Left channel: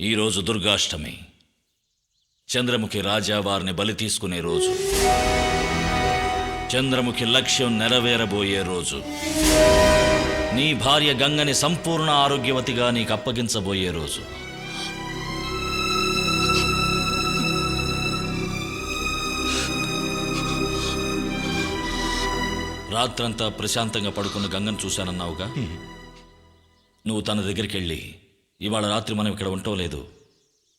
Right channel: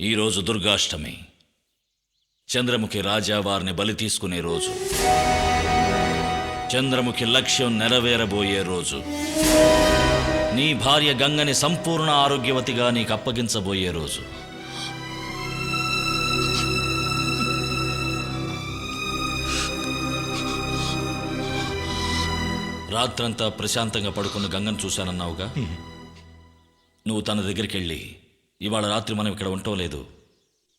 ఈరోజు దుర్గాష్టమి. చంద్రముఖి రాజా వారిని బలి తీసుకునే రోజు. చంద్రముఖి లక్ష్యం నెరవేరబోయే రోజు. నీ భార్య గంగని సంపూర్ణ ఆరోగ్యవతిగా నీకు అప్పగించబోయే రోజు. రాత్రంతా ప్రశాంతంగా పడుకున్న గంగను చూశానన్నావుగా. నువ్వు తన దగ్గరికి వెళ్ళి, ఇవాళ రాత్రి మనం ఇక్కడ ఉండటం లేదు,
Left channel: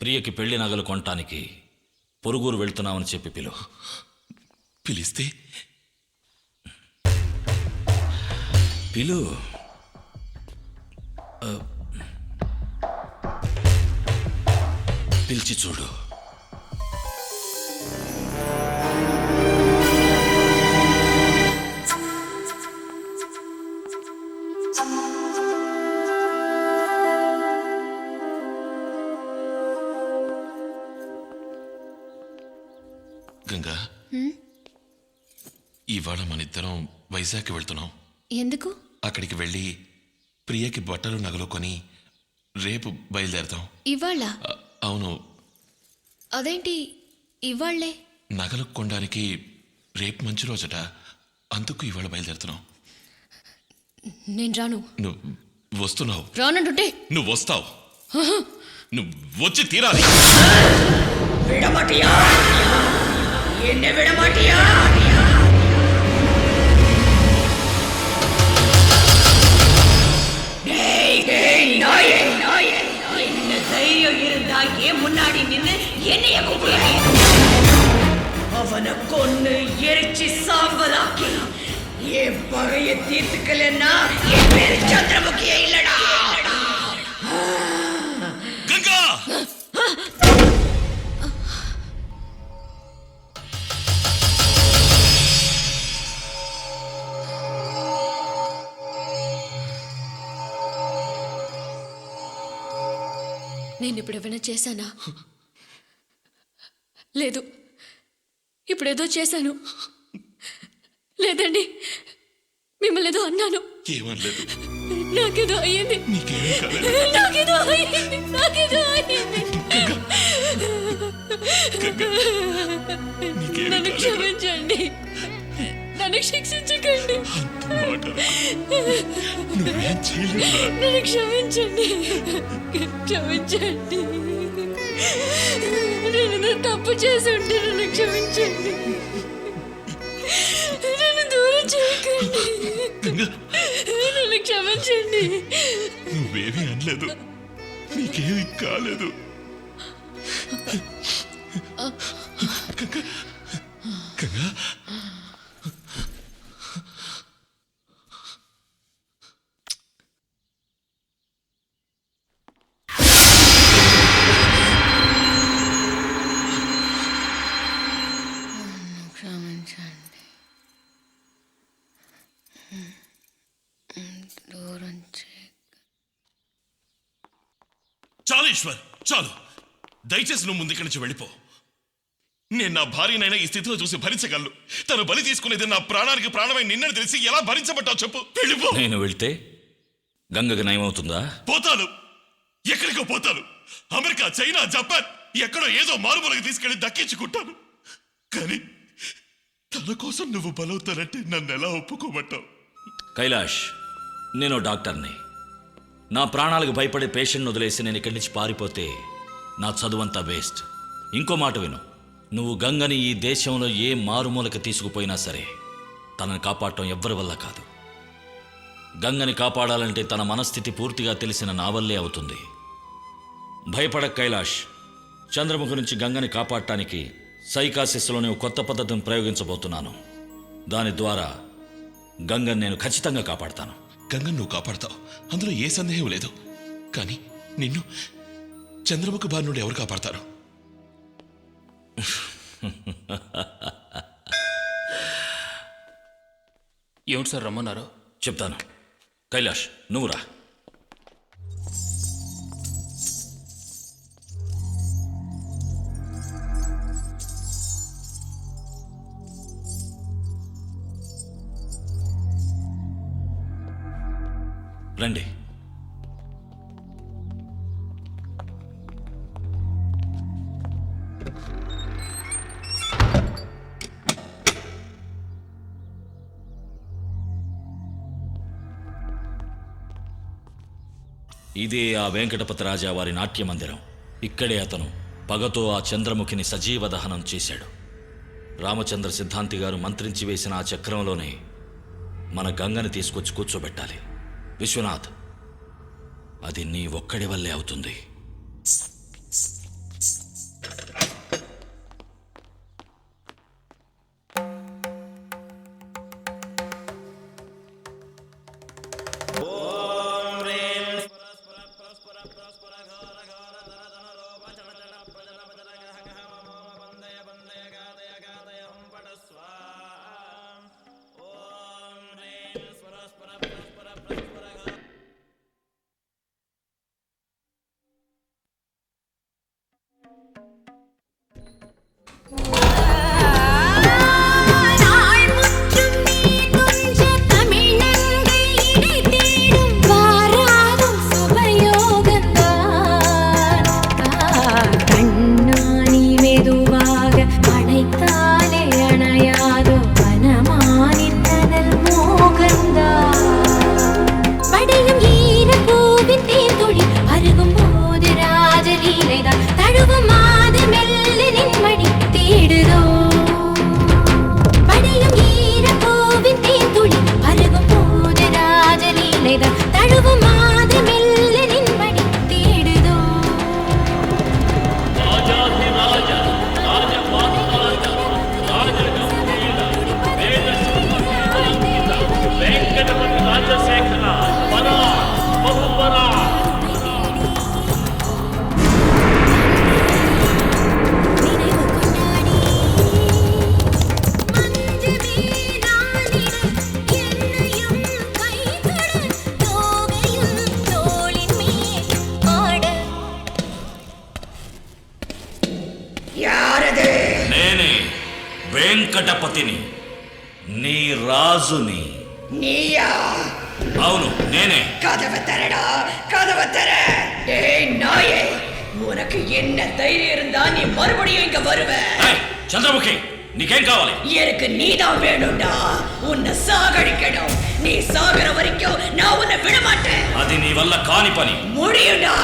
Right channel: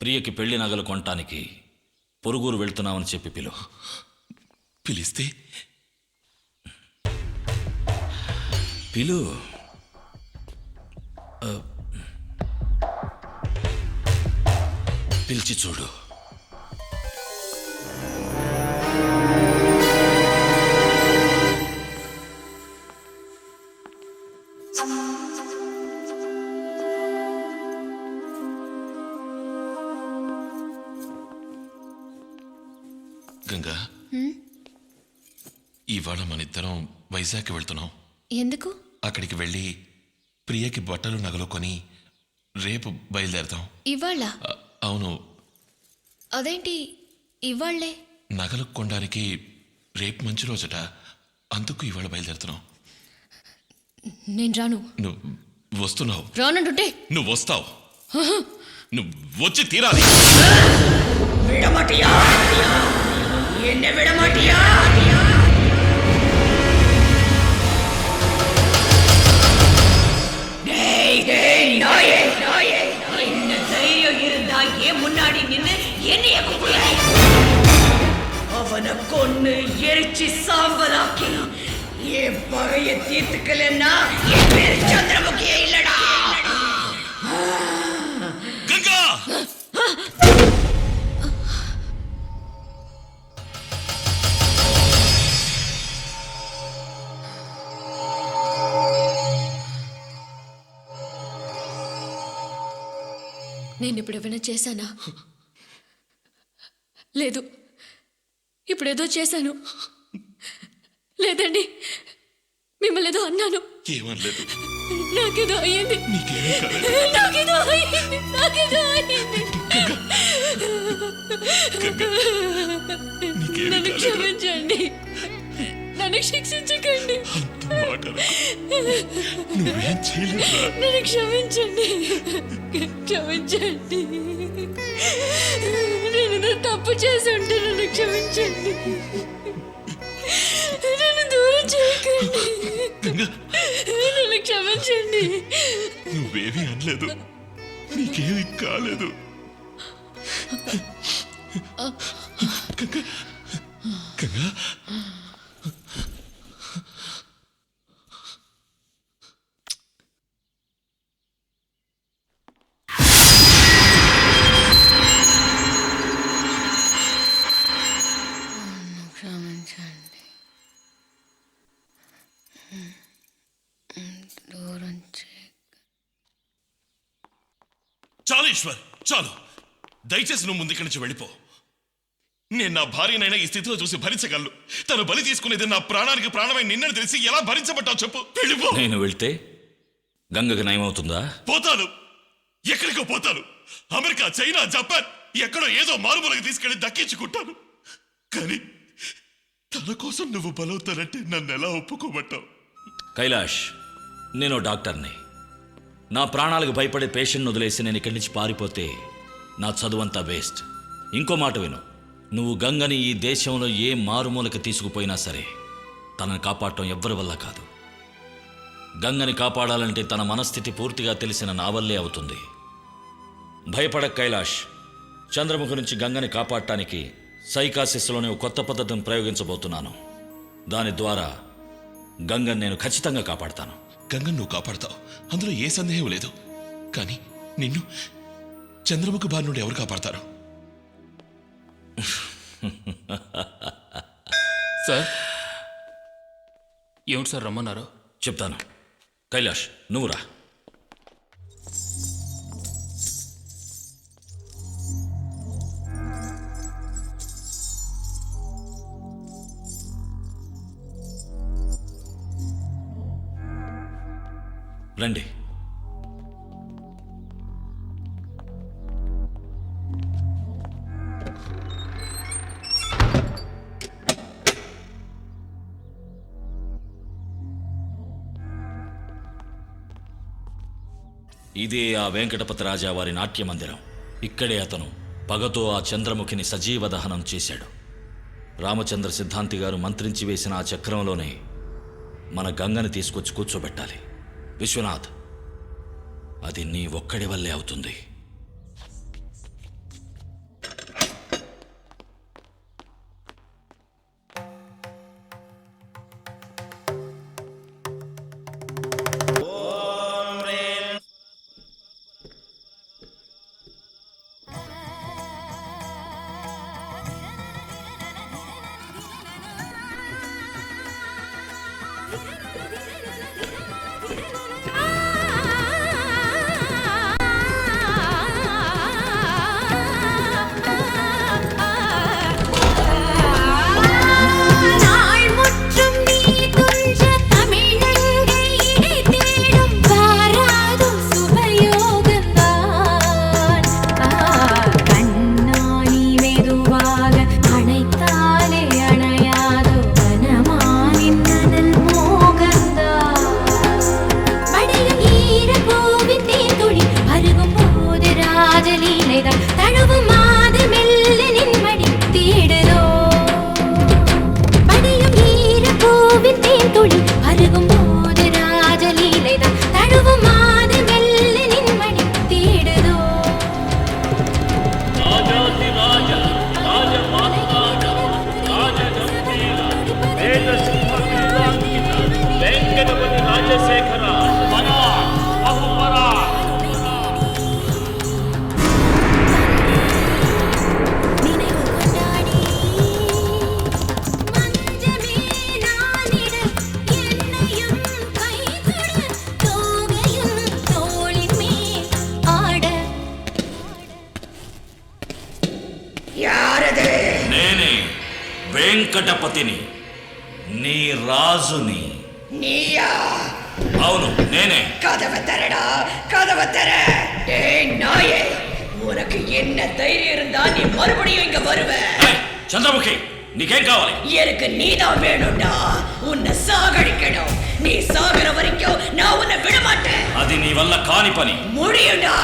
ప్రియకి పెళ్లి నగలు కొనటానికి పొరుగురు వెళ్తున్నామని చెప్పి పిలిస్తే పిలు. పిలిచి చూడు. గంగా, ఇవాళ మన ఇద్దరం వైజాగ్ వెళ్తున్నాం. ఎందుకు? అక్కడికి వెళ్ళి ప్రియకి బట్టలు నగలు కొని రేపు బయలుదేరతాం. ఇవాళ? అవును. అదేంటి ఇవాళ్లే? నగలు కొనడానికి రేపు మంచి రోజట, అందుకు ఇవాళ బయలుదేరుతున్నాం. నేను రాను. నువ్వు వస్తున్నావు. రానంటుంటే నువ్వు వస్తావు. నువ్వు వచ్చి తీరాలి. విడమటియా, என்ன விடமாட்டியா? நாயே, என்ன தைரியம் இருந்தா ஏன் முன்னாடி நின்னு என்னைய கூப்பிடுற? அவனை கொன்னு எரிச்சு சாம்பலாக்கி என் பகைய தீர்த்துக்கலன்னா என் பேரு சந்திரமுகியே இல்லடா. గంగా, నేను ఇప్పుడు ఏమైనా చేశానా? లేదు. ఇప్పుడేదో చేశాను. లేదండి, మిమ్మల్ని ఏదో అన్నాను. ఏమనలేదు. నాకేదో అయ్యింది. నీకేమీ కాలేదు. నాకేదో అయ్యింది. నాకేదో అయ్యింది. నన్ను క్షమించండి. నన్ను శిక్షించకండి. నువ్వేం చేయలేదురా. నన్ను క్షమించండి. క్షమించండి. నేను తప్పు చేసి ఉంటే నన్ను క్షమించండి. నన్ను దూరం చేయకండి. నన్ను క్షమించండి. నువ్వేమీ అనలేదు. నీకేమీ కాలేదు. గంగా, క్షమించండి. దూరం చాలు ఈశ్వర్, చాలు. దయచేసి నువ్వు ముందు ఇక్కడి నుంచి వెళ్ళిపో. నేను నా భార్యనైనా ఈ స్థితిలో చూసి భరించగలను. తను బలి తీసుకునేది నా ప్రాణానికి ప్రాణమై నిన్నని తెలిసి ఎలా భరించబట్టావు చెప్పు. వెళ్ళిపో. నేను వెళ్తే గంగకి నయమవుతుందా? పోతాను. ఎక్కడికో పోతాను. అమెరికా, చైనా, జపాన్, ఎక్కడో ఏదో మారుమూలకి తీసుకెళ్లి దక్కించుకుంటాను. కానీ తన కోసం నువ్వు బలవుతానంటే నన్ను ఎలా ఒప్పుకోమంటావు? కైలాష్, నేను డాక్టర్ని. నా ప్రాణాలకు భయపడే పేషెంట్ను వదిలేసి నేను ఇక్కడి నుంచి పారిపోతే నా చదువంతా వేస్ట్. ఇంకో మాట విను. నువ్వు గంగని ఈ దేశంలో ఏ మారుమూలకి తీసుకుపోయినా సరే తనని కాపాడటం ఎవ్వరి వల్ల కాదు. గంగని కాపాడాలంటే తన మనస్థితి పూర్తిగా తెలిసిన నా వల్లే అవుతుంది. భయపడక కైలాష్. చంద్రముఖి నుంచి గంగని కాపాడటానికి సైకాసిస్లోనే కొత్త పద్ధతిని ప్రయోగించబోతున్నాను. దాని ద్వారా గంగని నేను ఖచ్చితంగా కాపాడతాను. గంగను నువ్వు కాపాడతావు, అందులో ఏ సందేహం లేదు. కానీ నిన్ను చంద్రముఖి బారి నుండి ఎవరు కాపాడతారు? సార్, ఏమిటి సార్ రమ్మన్నారు? చెప్తాను. కైలాష్, నువ్వు రా. ఇదే ఆ వెంకటపతి రాజా వారి నాట్య మందిరం. ఇక్కడే అతను పగతో ఆ చంద్రముఖిని సజీవ దహనం చేశాడు. రామచంద్ర సిద్ధాంతి గారు మంత్రించి వేసిన ఆ చక్రంలోనే మన గంగని తీసుకొచ్చి కూర్చోబెట్టాలి. విశ్వనాథ్, అది నీ ఒక్కడి వల్లే అవుతుంది. వెంకటపతి రాజశేఖర నేనే వెంకటపతిని, నీ రాజుని. நீயா? అవును, నేనే. கதவை தரடா, கதவை தர. டேய் நாயே, உனக்கு என்ன தைரியம் இருந்தா நீ மறுபடியும் இங்க வருவ? చంద్రముఖి, నీకేం కావాలి? எனக்கு நீதான் வேணும்டா. உன்னை சாகடிக்கணும். நீ சாகர வரைக்கும் நான் உன்னை விட மாட்டேன். అది నీ వల్ల కాని పని. முடியும்டா,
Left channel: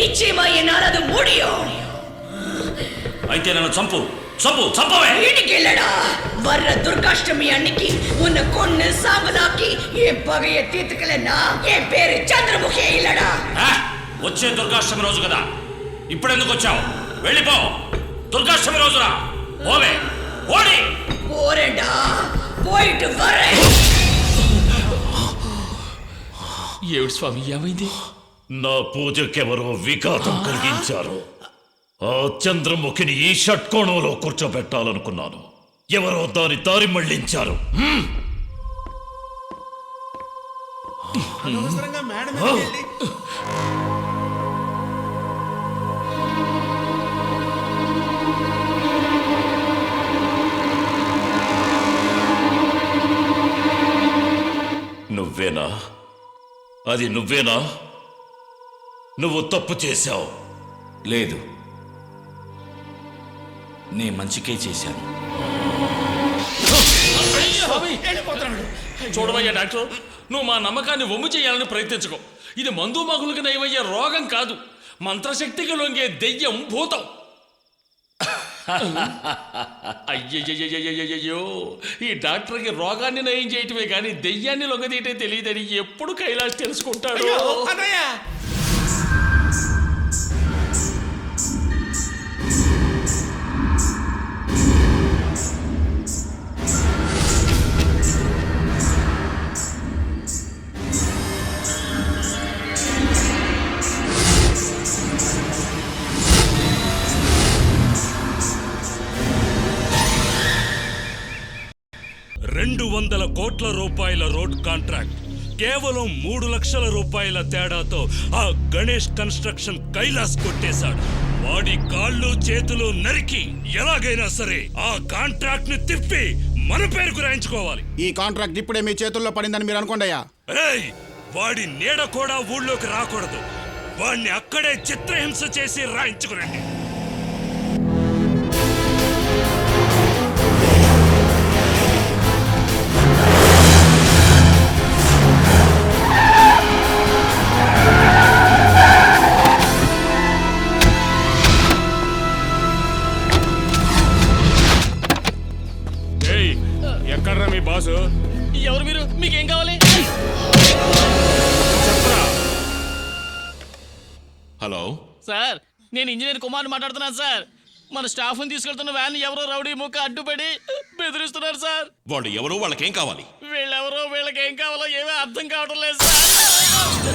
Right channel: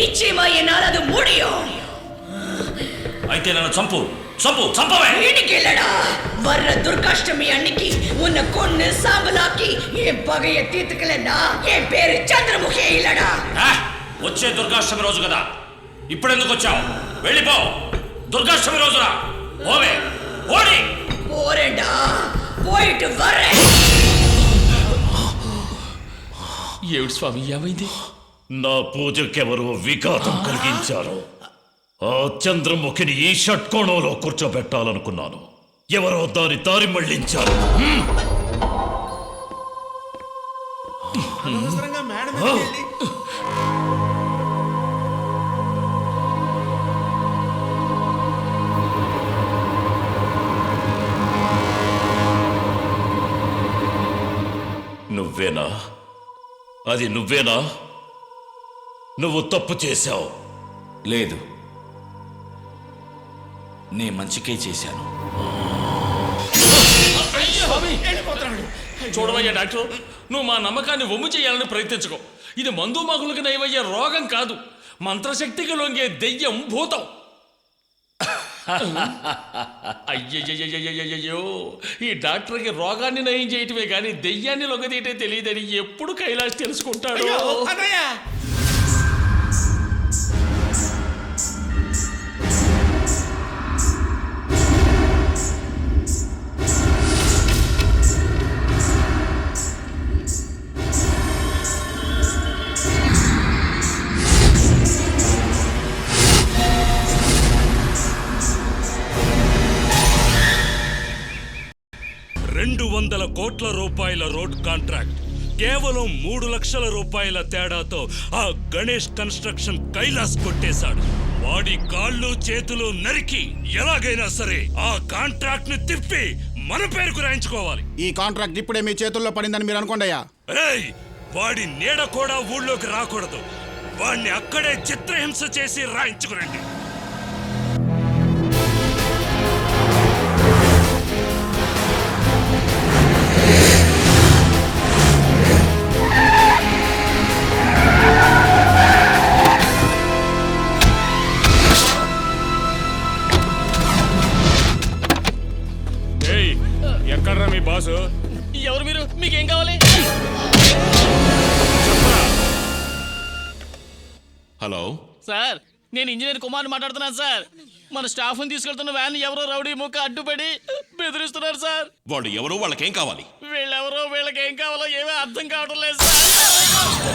நிச்சயமா என்னால் அது முடியும். అయితే నన్ను చంపు, చంపు, చంపవే. இன்னைக்கு இல்லடா, வர்ற துர்காஷ்டமி அன்னைக்கு உன்னை கொன்னு சாம்பலாக்கி என் பகைய தீர்த்துக்கலன்னா என் பேரு చంద్రముఖి இல்லடா. వచ్చే దుర్గాష్టమి రోజు కదా, ఇప్పుడెందుకు వచ్చావు? వెళ్ళిపో. దుర్గాష్టమి రోజున పోవే. పోడి. పోరేండా, పోయిட்டு வரேன். ఏమిటి స్వామి, ఏమైంది? నా పూజకెవరో విఘాతం కలిగించారు. ఆ చంద్రముఖిని ఈ షట్కోణంలో కూర్చోబెట్టాలనుకున్నాను. ఎవరో దాని దారి మళ్లించారు. నువ్వేనా? అది నువ్వేనా? నువ్వు తప్పు చేశావు. లేదు, నే మంచికే చేశాను. చూడవయ్యా డాక్టర్, నువ్వు మా నమ్మకాన్ని వమ్ము చేయాలని ప్రయత్నించుకో. ఇది మందు మగులకు నయమయ్యే రోగం కాదు, మంత్రశక్తికి లొంగే దెయ్యం, భూతం. అయ్యయ్యో, ఈ డాక్టర్కి రోగాన్ని నయం చేయటమే కానీ దెయ్యాన్ని లొంగదీయటే తెలియదని ఎప్పుడు కైలాష్ తెలుసుకుంటాడు. $200 కోట్ల రోడ్ కాంట్రాక్ట్ కేవలం 3 లక్షల రూపాయల తేడాతో ఆ గణేష్ కన్స్ట్రక్షన్ కైలాస్ కొట్టేశాడు. వాడి కాళ్ళు చేతులు నరికి ఎలాగైనా సరే ఆ కాంట్రాక్ట్ ని తిప్పి మన పేరుకు రాయించుకోవాలి. ఈ కాంట్రాక్ట్ ఇప్పుడే మీ చేతుల్లో పడిందని మీరు అనుకోండియా. వాడి నీడ కూడా ఊళ్ళోకి రాకూడదు. వాడిని అక్కడే చిత్రహింస చేసి రాయించుకురండి. బాసు ఎవరు మీరు? మీకేం కావాలి? చెప్పరా? హలో సార్, నేను ఇంజనీర్ కుమార్ని మాట్లాడుతున్నాను సార్. మన స్టాఫ్ని తీసుకెళ్తున్న వ్యాన్ ఎవరో రౌడీ ముక్క అడ్డుపడి బెదిరిస్తున్నారు సార్. వాళ్ళు ఎవరో వాళ్ళకేం కావాలి? వీళ్ళెవరో వీళ్ళకి ఏం కావాలో ఏమీ అర్థం కావడం లేదు సార్.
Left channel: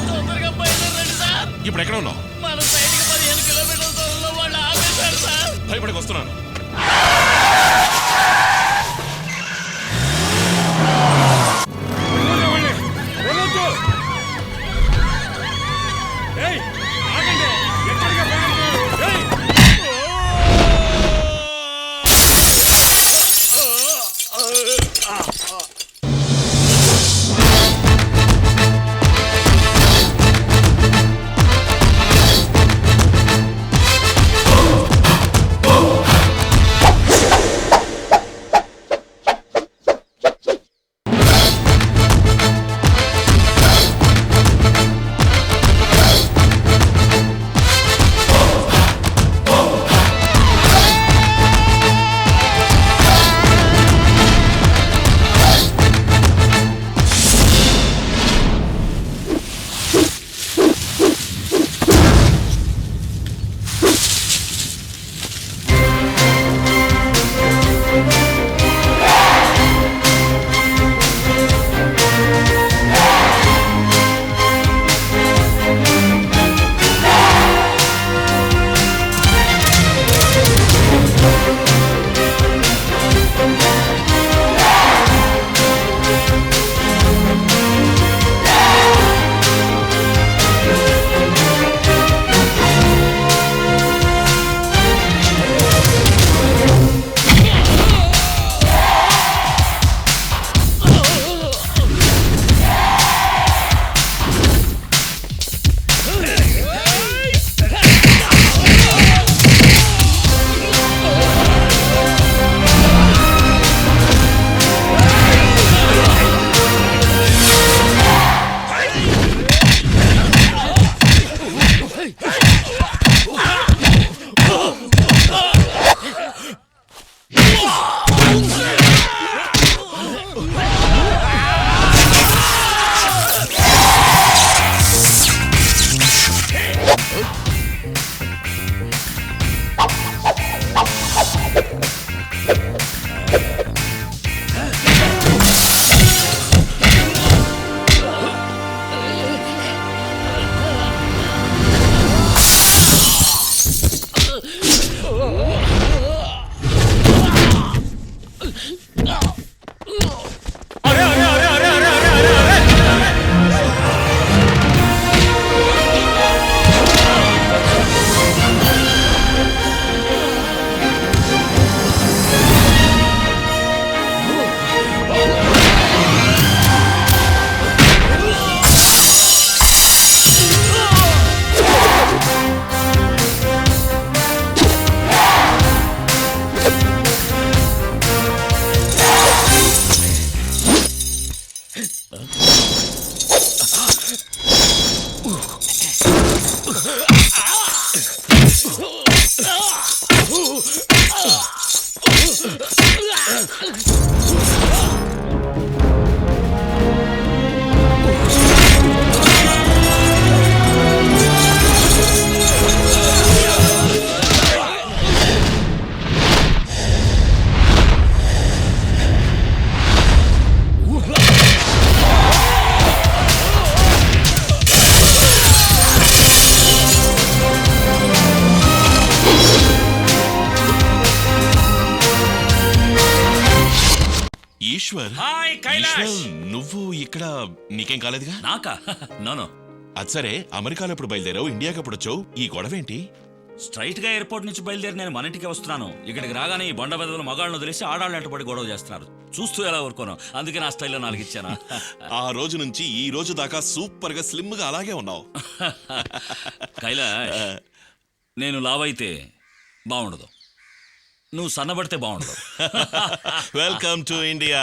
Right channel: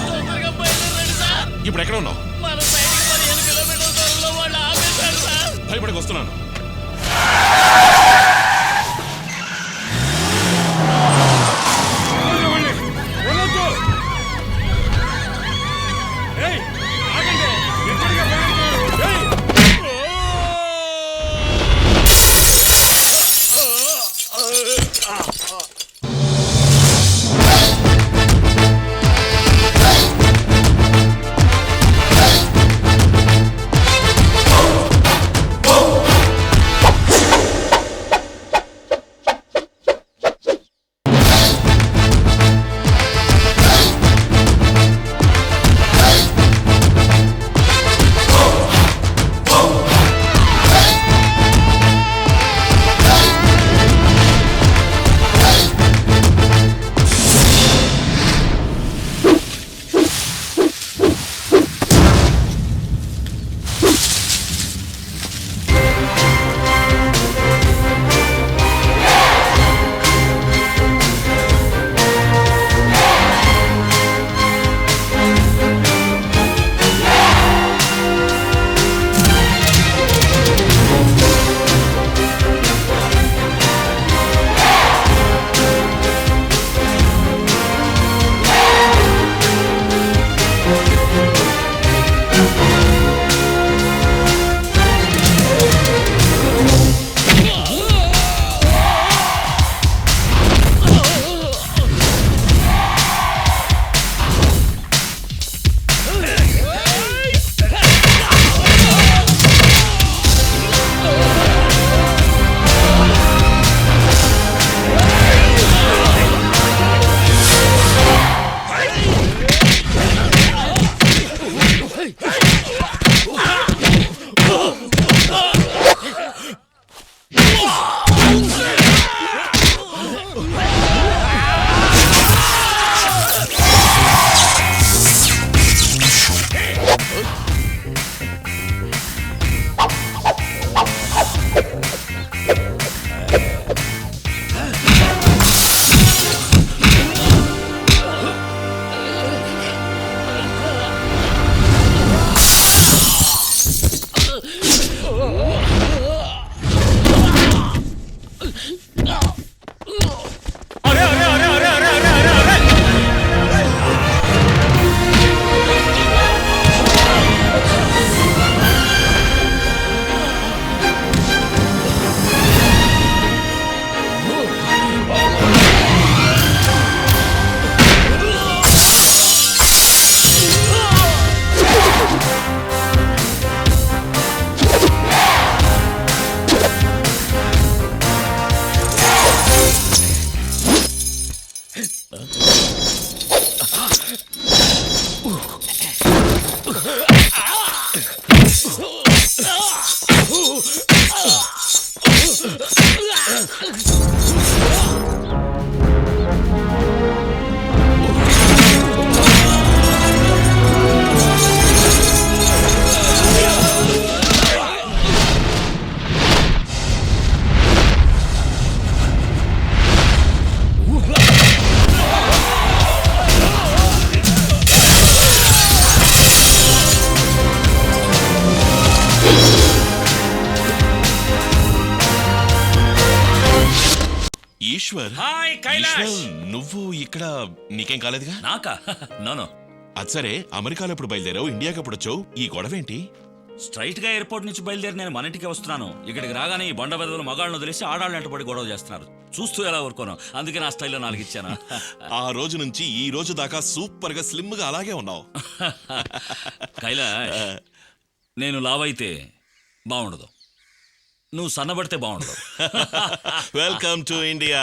తొందరగా బయలుదేరండి సార్. ఇప్పుడు ఎక్కడ ఉన్నావు? మన సైడ్కి 15 కిలోమీటర్ల దూరంలో వాళ్ళు ఆపేశారు సార్. భయపడకు వస్తున్నాను. ఏయ్, ఆగండి. ఎక్కడికి బయలుదేరుతున్నారు? ఏయ్! ఈశ్వర్, హాయ్ కైలాష్. ఈశ్వర్, నువ్వు ఇక్కడ నీకేం కాలేదుగా? నాకా? నో. అది సరే, అమెరికాలో ఎప్పుడు బయలుదేరావు? ఇండియాకి ఎప్పుడు వచ్చావు? ఈ గొడవ ఏంటి? స్ట్రైట్ గా ఎయిర్పోర్ట్ నుంచి బయలుదేరి నేను మన ఇంటికి వస్తున్నాను. ఇక్కడికి రాగానే ఈ బండ బెదలు మగాళ్ళను వదిలేసి ఆడాళ్ళు ఎంటబడి గొడవ చేస్తున్నారు. చూస్తూ ఎలా ఊరుకోను, అందుకే నా స్టైల్లో 4 ఇచ్చాను. ఆ రోజు నుంచి ఈ రోజు దాకా సూపర్ గా స్లిమ్ గా అలాగే ఉన్నావు. కైలాష్, నేను లావైతే బాగుండదు, నువ్వు సన్నబడితే బాగుండదు. Welcome to India.